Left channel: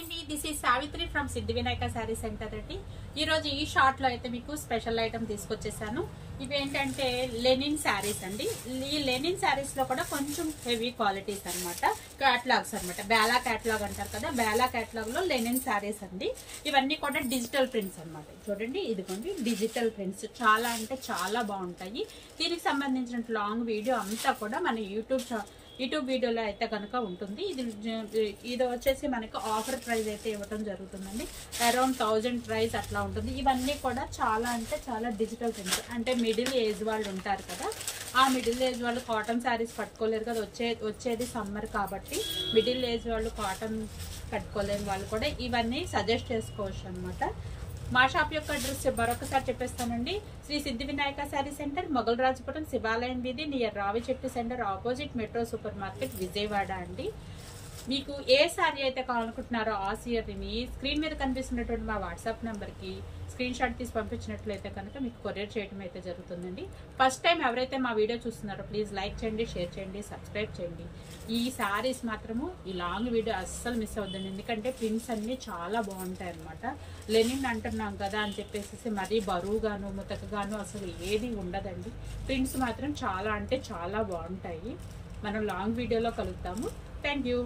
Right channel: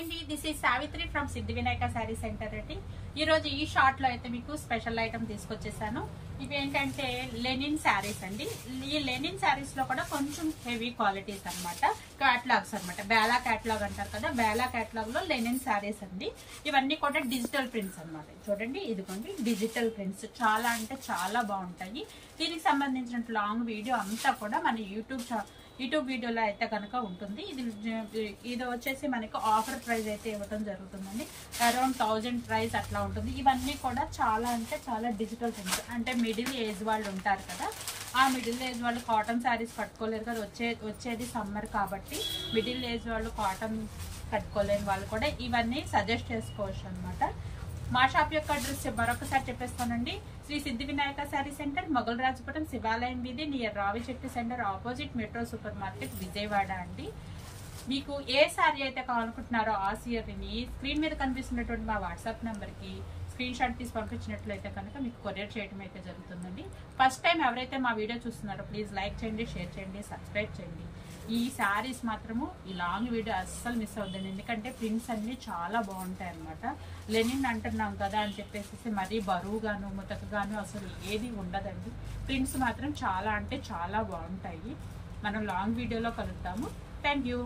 అండి this is Savitri from Siddhi Vinayaka sari centre అండి. ఈ రోజు ఈ షార్ట్ లో అయితే మీకు స్పెషల్ ఐటమ్ తీసుకొచ్చేసాను. ఇవి ఏంటంటే లెనిన్ శారీస్ అండి. ఈ లెనిన్ శారీస్ లో కూడా కొంచెం హెవీ క్వాలిటీస్ అన్నమాట, క్యాటలాగ్స్ అన్నమాట. బేలా క్యాటలాగ్ అంటారు కదా, బేలా క్యాటలాగ్ లో లెనిన్ శారీస్ అండి. ఇవన్నీ కూడా డిజిటల్ ప్రింట్స్ అన్నమాట. చూడండి, ఇదిగోండి డిజిటల్ ప్రింట్స్, చాలా అంటే చాలా బాగుంటాయి. దీనికి సంబంధించిన లాంగ్ వీడియో అంతా కూడా మన యూట్యూబ్ వీడియోలో అయితే కనుక ఉంటుంది. ఇది వచ్చేసి మనకి ఆఫర్ ప్రైస్ అయితే ఇవ్వడం జరుగుతుందండి. అరౌండ్ 1000 ప్రైస్ అట్లా ఉంటుంది. ఇవన్నీ కూడా చాలా అంటే చాలా డిజిటల్ థింగ్స్. అంటే మిడిల్ ఏజ్ వాళ్ళు ఉంటారు కదా, ఆ మిడిల్ ఏజ్ వాళ్ళు కాటన్ శారీస్ కట్టుకోలేరు కదా, వచ్చేది సమ్మర్ కాబట్టి మిడిల్ ఏజ్ వాళ్ళు కాటన్ కట్టుకోలేని వాళ్ళు కూడా ఇవన్నీ సజెస్ట్ చేసుకోవచ్చు అనమాట. మా షాప్ యొక్క అడ్రస్ మరొకసారి చెప్పేస్తానండి. శ్రీ సిద్ధి వినాయక శారీ సెంటర్, మొగల్ రాజపురం, శివాలయం వీధి, నియర్ రావి చెట్టు centre, opposite metro super market, Vijayawada అండి. మీకు ఏ శారీ అయితే కావాలనుకుంటున్నారో ఆ శారీని స్క్రీన్ మీద కనిపిస్తున్నటువంటి మా వాట్సాప్ నెంబర్ కి స్క్రీన్ షాట్ తీసి పంపించినట్లయితే కనుక మీకు కొరియర్ చేయడం అయితే జరుగుతుందండి. ఫస్ట్ టైం ఎవరైతే మా వీడియో చూస్తున్నారో ప్లీజ్ లైక్ చేయండి, షేర్ చేయండి, సబ్స్క్రైబ్ చేయండి. ఈ శారీస్ మాత్రము ఈ లాంగ్ వీడియో అస్సలు మిస్ అవుతుంది, ఎందుకంటే ప్రింట్స్ అన్ని చాలా బాగుంటాయి అనమాట. లెనిన్ అంటున్నాం కదా అని చెప్పేసి మరీ బరువుగాను ముతకగాను అసలు ఏది ఉండదండి. ప్రింట్స్ మాత్రం చాలా అంటే చాలా బాగుంటాయి. మనం లాంగ్ వీడియోలో కలుద్దాము. Thank you.